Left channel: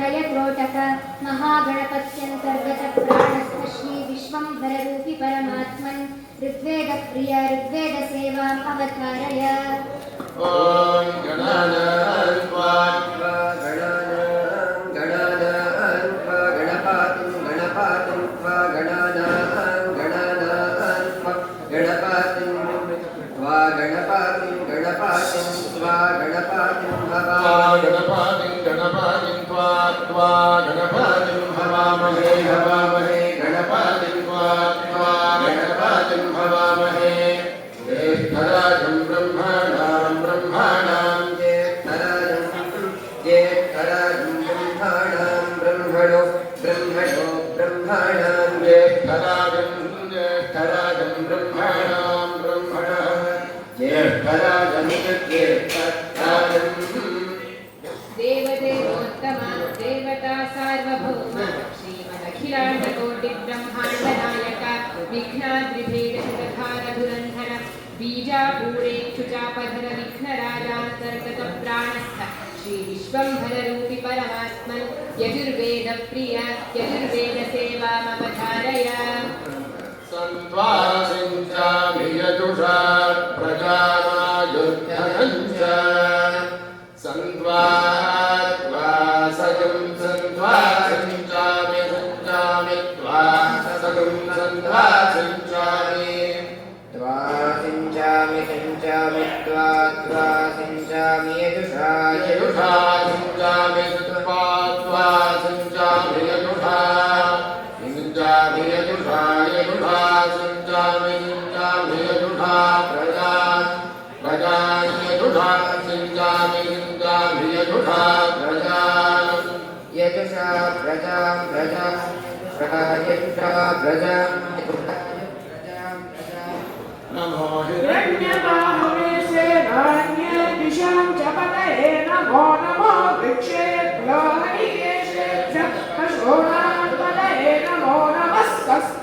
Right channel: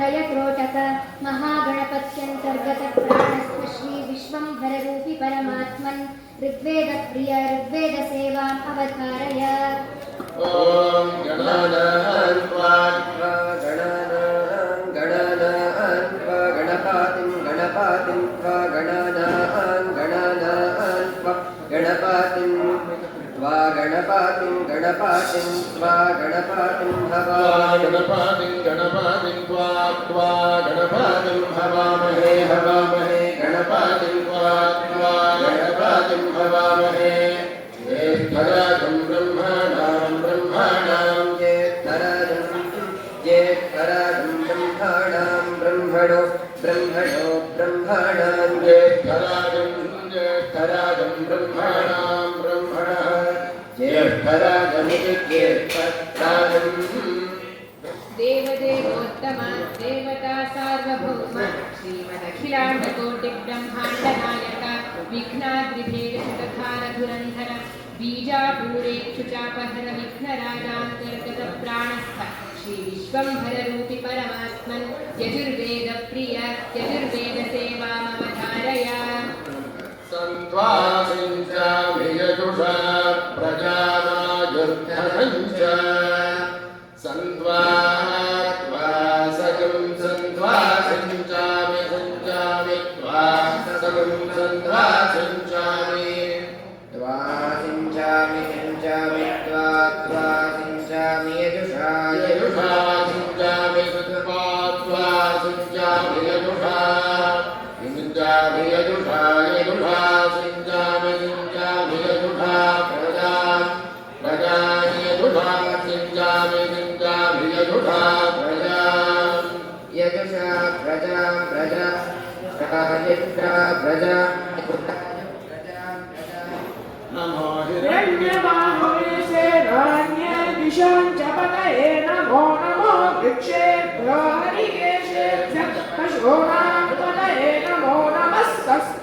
तापत्रयक्रोटक महागणपत्यन्तर्गतप्राणस्थ श्रीविश्वम्भररूपि परमात्मन् ऋग्वेदप्रिय ऋग्वेदसेवाम् अवतारय ॐ गणानान्त्वा गणानां गणानां त्वा गणपातिं गणपातिं त्वा गणानां गणानां गणपातिं गणपातिं त्वा गणपातिं त्वा भवामहे गणपातिं गणपातिं त्वा त्वा गणपातिं हवामहे हवामहे गणपातिं त्वा त्वा विघ्नाद्रिभेदशतखारधुरन्धर बीजापूरेक्षुचापधर विघ्नराजान्तर्गतप्राणस्थ श्रीविश्वम्भररूपि परमात्मन् यजुर्वेदप्रिय यजुर्वेदसेवामवधारय। सन्त्वासिञ्चामि यजुषा प्रजामायुर्धनं सिञ्चामि सिञ्चामि त्वा त्वा सिञ्चामि यजुषा यजुषा सिञ्चामि कृत्वा त्वा सिञ्चामि यजुषा सिञ्चामि यजुषा यजुषा सिञ्चामि सिञ्चामि यजुषा प्रजा प्रजा यजुषा सिञ्चामि सिञ्चामि यजुषा प्रजा यजुषा प्रजा प्रजा यजुषा प्रजा नमो हिरण्यबाहुवेशे नान्ये दिशां च पतये नमो नमो वृक्षेभ्यो हरिकेशेभ्यः पशूनां पतये नमो नमस्तस्मिञ्जराय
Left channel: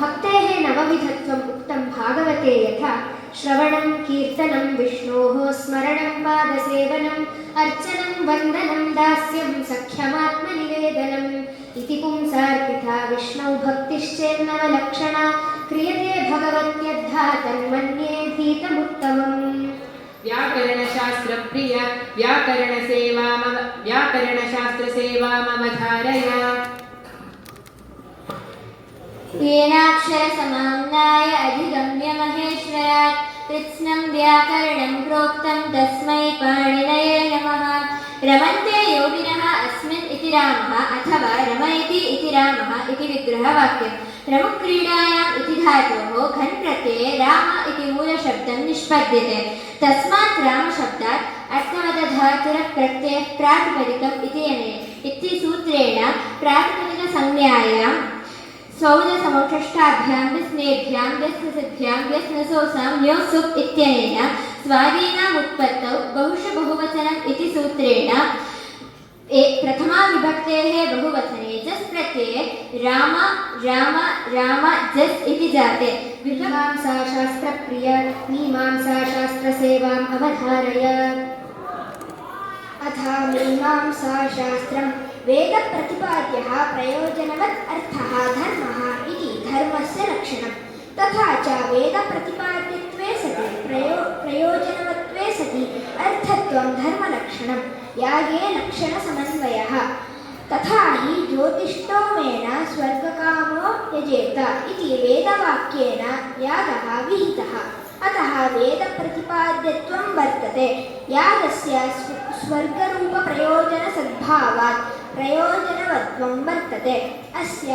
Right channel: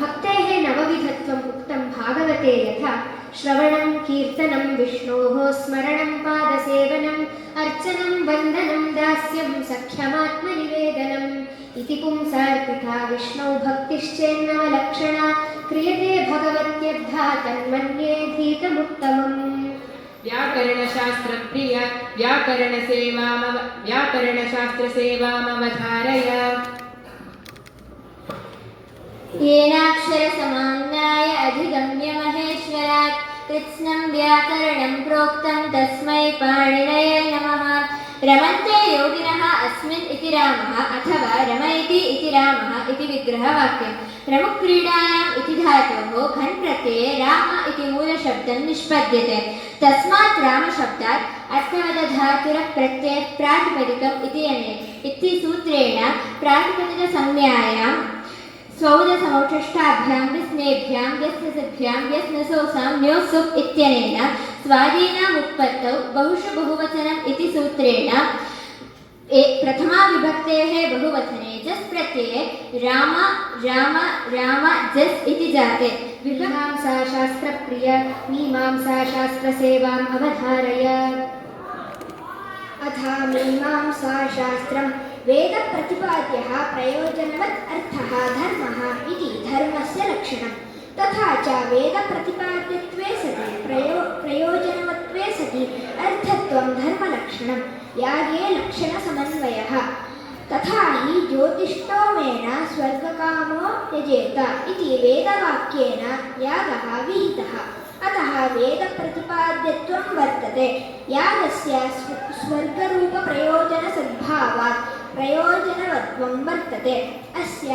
भक्तेः नवविधत्वम् उक्तं भागवते यथा श्रवणं कीर्तनं विष्णोः स्मरणं पादसेवनम् अर्चनं वन्दनं दास्यं सख्यमात्मनिवेदनम् इति पुंसार्पिता विष्णौ भक्तिश्चेन्नवलक्षणा। क्रियते भगवत्यद्धा तन्मन्ये धीतमुत्तमम् व्याकरणशास्त्रप्रिय, व्याकरणसेवामव, व्याकरणशास्त्रसेवामवधारय। येनाक्षरसमाम्नाय अधिगम्य महेश्वरात् कृत्स्नं व्याकरणं प्रोक्तं तस्मै पाणिनये नमः। रमन्ते योगिनः अस्मिन् इति रामः अथवा रमयति इति रामः इति विग्रहवाक्यं रमुक्रीडायाम् इति धातोः घन् प्रत्यये राम इति मूलशब्दं निष्पद्यते तस्मात् रामशब्दात् अर्थवदधातुरप्रत्ययः प्रातिपदिकम् इति अने इति सूत्रेण प्रातिपदिकसंज्ञायां सौदसमौषष्ठाभ्यां विस्मेभ्यां व्यस्नसिद्भ्यां व्यस्नसोसां न्योसुप् इत्यनेन स्वादीनाम् उत्पत्तौ बहुष बहुवचनम् इति सूत्रेण ए प्रथमाविभक्तेः बहुवचने, जस् प्रत्यये, राम राम राम, जस् इति जाते। मीमांसाशास्त्रप्रिय मीमांसाशास्त्रसेवाम् अवधारय। अथा मीमांसाशास्त्रं वेदप्रतिपाद्यः प्रयोजनवत् अर्थः धर्मः इति धर्मस्य लक्षणं तथा च वेदप्रतिपाद्यत्वे सति प्रयो प्रयोजनवत्वे सति अर्थत्वं धर्मलक्षणं यागे लक्षणसमन्वयः तथा हि ज्योतिष्टोमेन स्वर्गकामो यजेत इति वेदवाक्येन यागः विहितः अतः वेदप्रतिपाद्यत्वं वर्तते यागस्य स्व- स्वर्गरूपप्रयोजनसद्भावात् प्रयोजनवत्वं वर्तते अस्य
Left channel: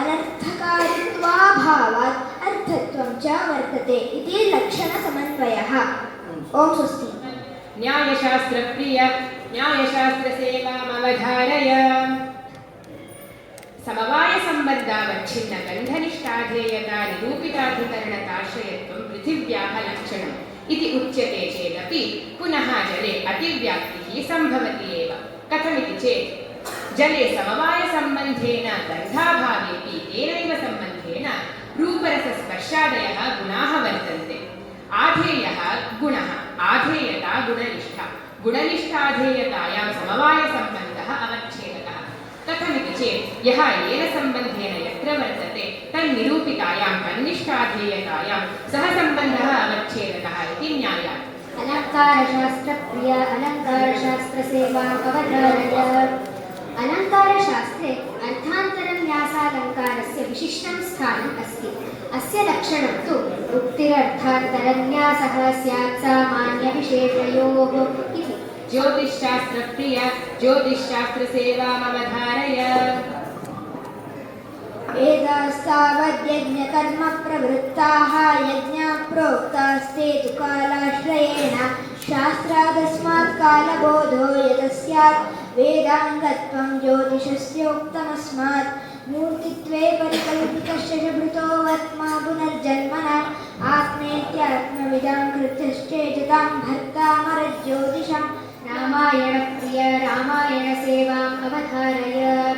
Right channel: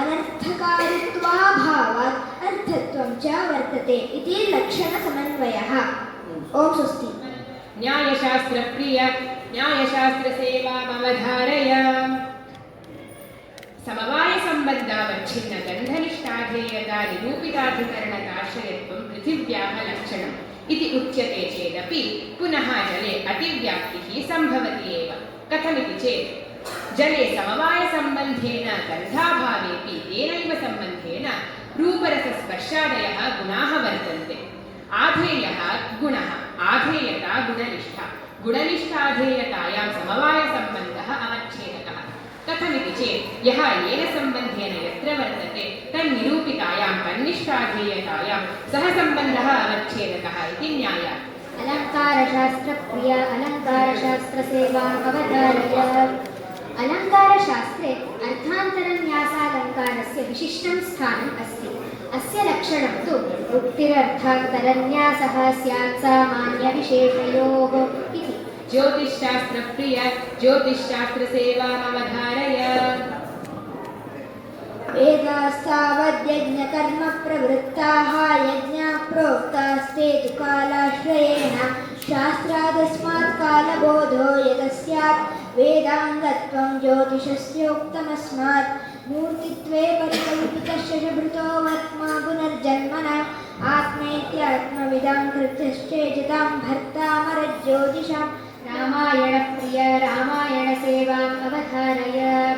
अनर्थकारित्वाभावात् अर्थत्वं च वर्तते इति लक्षणसमन्वयः ॐ स्वस्ति न्यायशास्त्रप्रिय न्यायशास्त्रसेवामवधारय समवायसम्बन्धावच्छिन्न गन्धनिष्ठाधेयता निरूपिताधिकरणताश्रयत्वं पृथिव्याः लक्षणम् इति उच्यते चेदपि पुनः जले अतिव्याप्तिः सम्भवति एव कथमिति चेत् जले समवायसम्बन्धेन गन्धाभावेपि तेनैव सम्बन्धेन रूपरसस्पर्शादयः गुणाः वर्तन्ते। आधेयः गुणः, आधेयता गुणनिष्ठा। गुणनिष्ठाधेयतायां समवायसम्बन्धः अवच्छेदकः। कथमिति चेत्, यः येन सम्बन्धेन यत्र वर्तते, तन्निरूपितायां, तन्निष्ठाधेयतायां सः सम्बन्धः अवच्छेदकः इति न्यायात्। अलङ्कारशास्त्रप्रिय अलङ्कारशास्त्रसेवाम् अवधारय। अलङ्कारशास्त्रे अर्थान्तरन्यासालङ्कारस्य विशिष्टं स्थानम् अस्ति। अस्य लक्षणं तु उक्तिरर्थान्तरन्यासः स्यात् सामान्यविशेषयोः इति। ज्योतिश्शास्त्रप्रिय ज्योतिश्शास्त्रसेवामवधारय। वेदास्तावद्यज्ञकर्मप्रवृत्ताः यज्ञाः प्रोक्तास्ते तु कालाश्रयेण शास्त्रादस्मात् कालबोधो यतस्यात् वेदाङ्गत्वं ज्योतिषस्योक्तमस्मात् मूर्तित्वे परिकल्पितस्य भृतो पुनर्जन्मन। आत्मेत्यात्मविदां कृत्यश्चेजतां भर्तामरज्योतिषं। रामायणप्रिय रामायणसेवाम् अवधारय।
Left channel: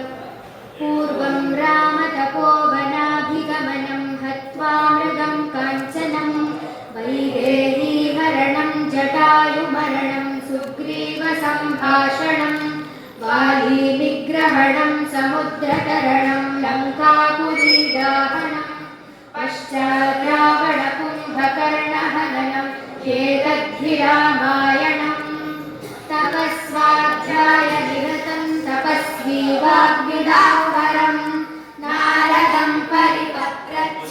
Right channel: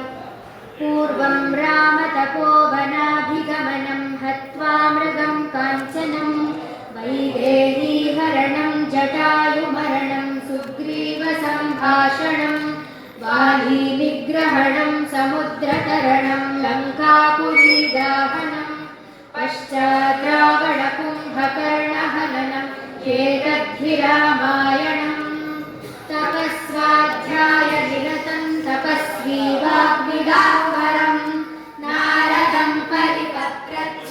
पूर्वं रामतपोवनाभिगमनं हत्वा मृगं काञ्चनं। वैदेहीहरणं जटायुमरणं सुग्रीवसम्भाषणं वालीनिग्रहणं समुद्रतरणं लङ्कापुरीदाहनं पश्चात् रावणकुम्भकर्णहननं चेदद्धिरामायणम् तपस्वाध्यायनिरतं तपस्वी वाग्विदावरम् नारदं परिपत्रच्छ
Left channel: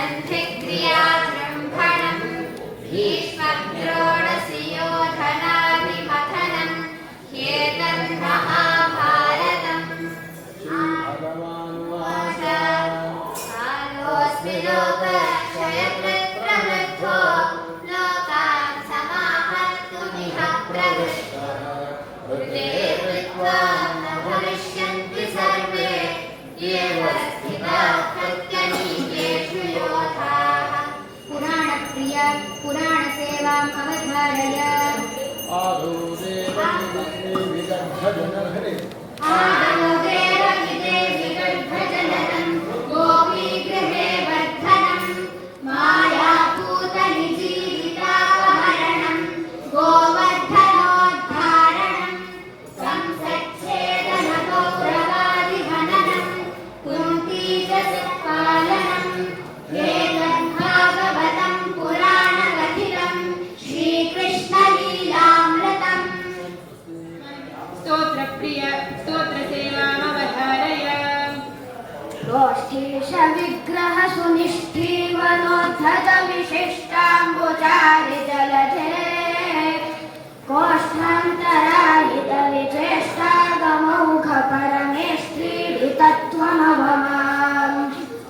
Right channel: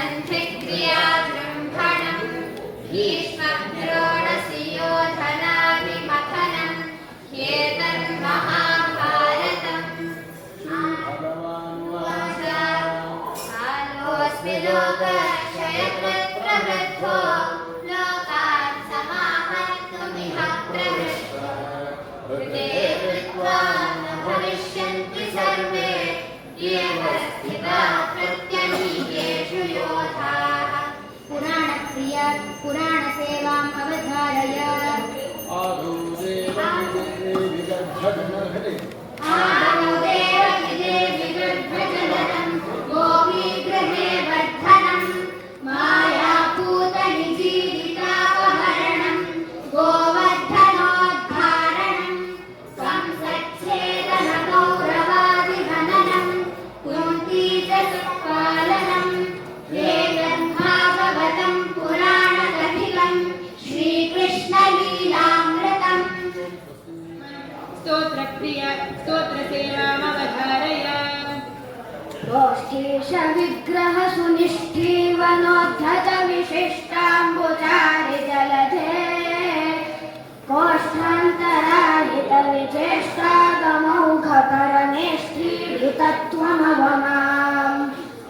सन्धिक्रियाजृम्भणं भीष्मद्रोणसि योधनादिमथनं ह्येतन्महाभारतम् कालोऽस्मि भविष्यन्ति सर्वे। प्रत्यनीकेषु पुराणसेवाम् अवधारय आदौ देवविगर्भजनहरे आनुदेवनिदेविगर्भजननं स्तोत्रसेवामवधारय गोष्ठीश विग्रह सुनिष्ठीवनोद्धत विशिष्टाम्बुचारि जलधे कोष्ठान्तराहित विचेष्टागमौघ परमेष्ठीडितत्वमवमाम्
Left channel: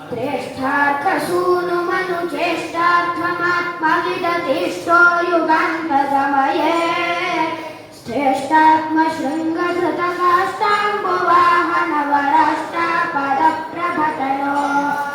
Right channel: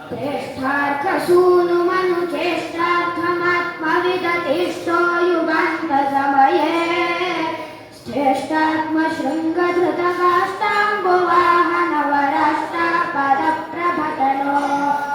प्रेष्ठार्कसूनुमनुचेष्टार्थमात्मविदतिष्ठो युगान्तसमये श्रेष्ठात्मशृङ्गधृतकाष्ठाम्बुवाहनवराष्टापदप्रभटनो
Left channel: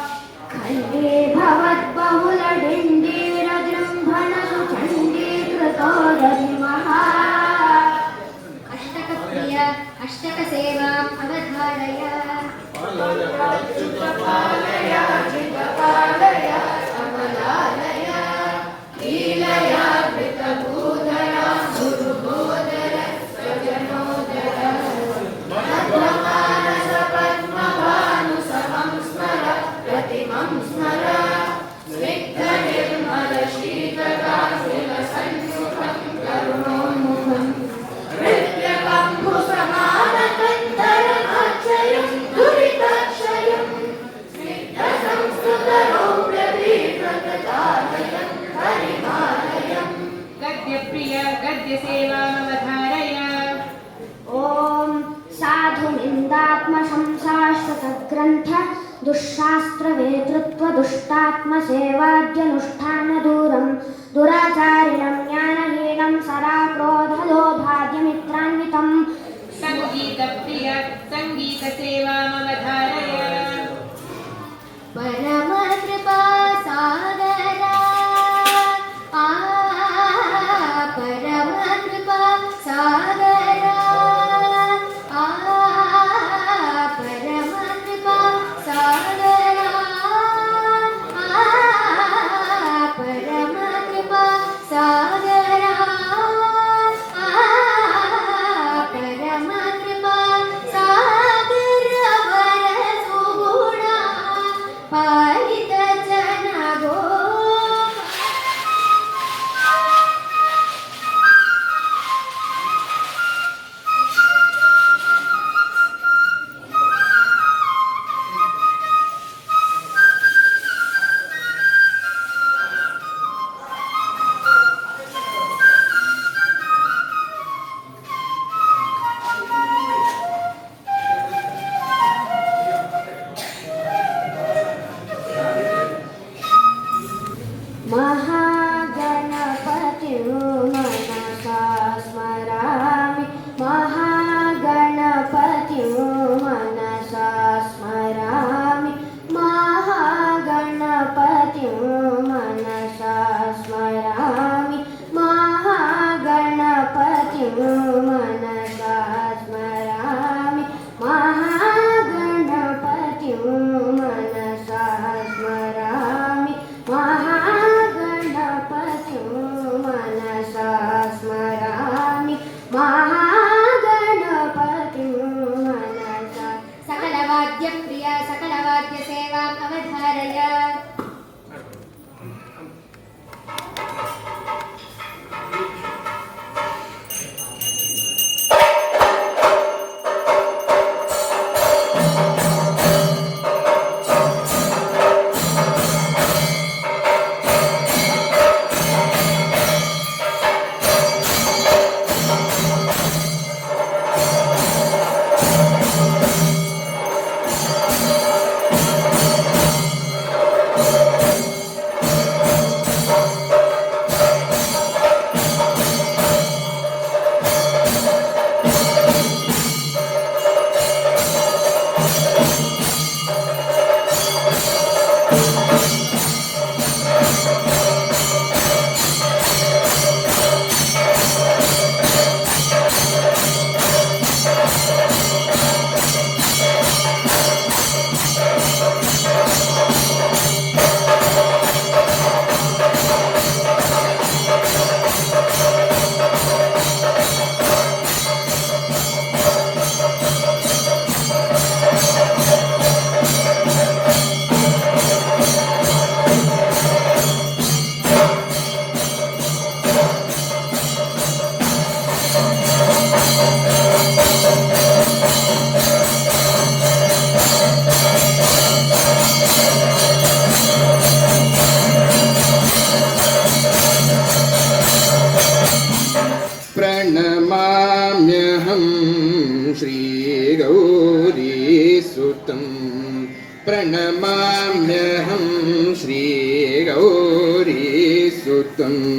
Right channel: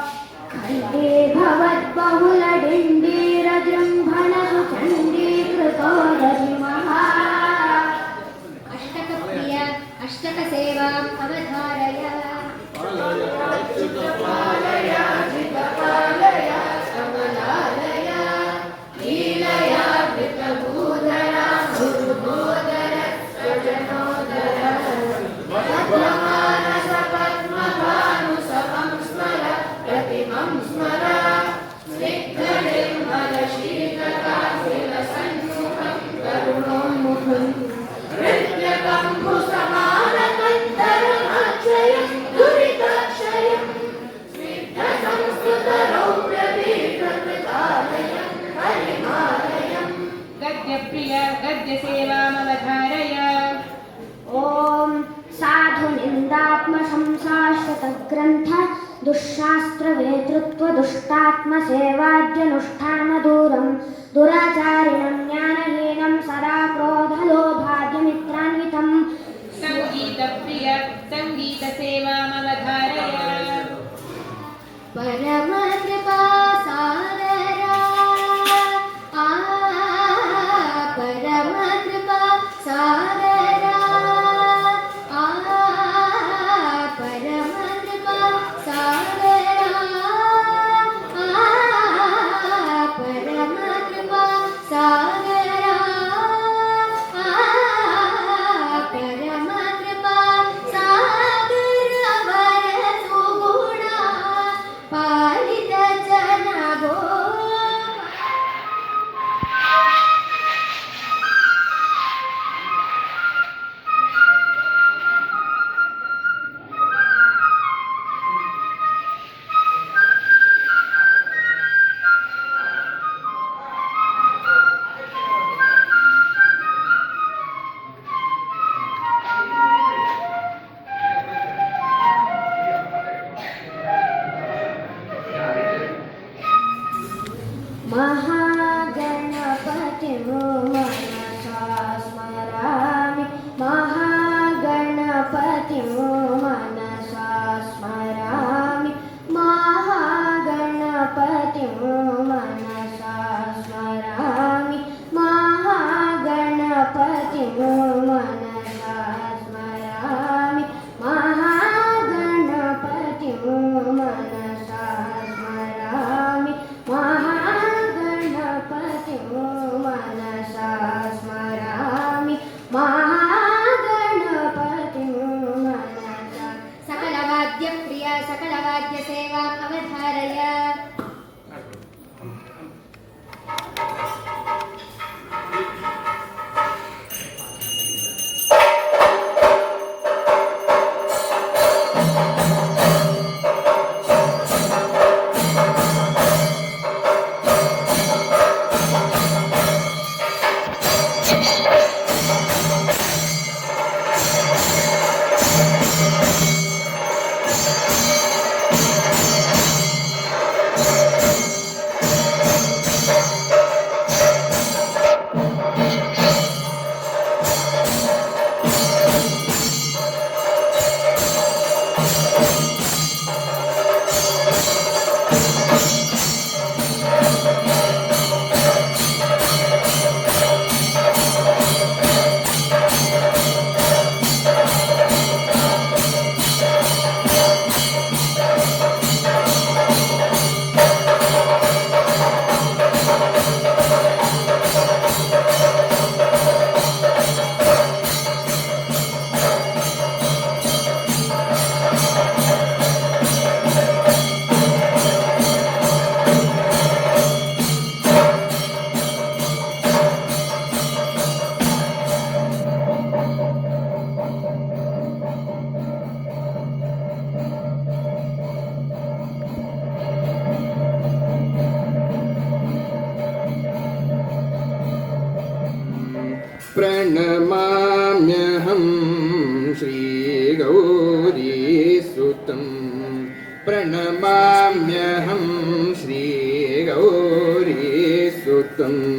सङ्गीतप्रिय मम परमकृपा सकलवाद्यसेवाम् सुतं प्रणमाम्यहं श्रीगौरी सुतम्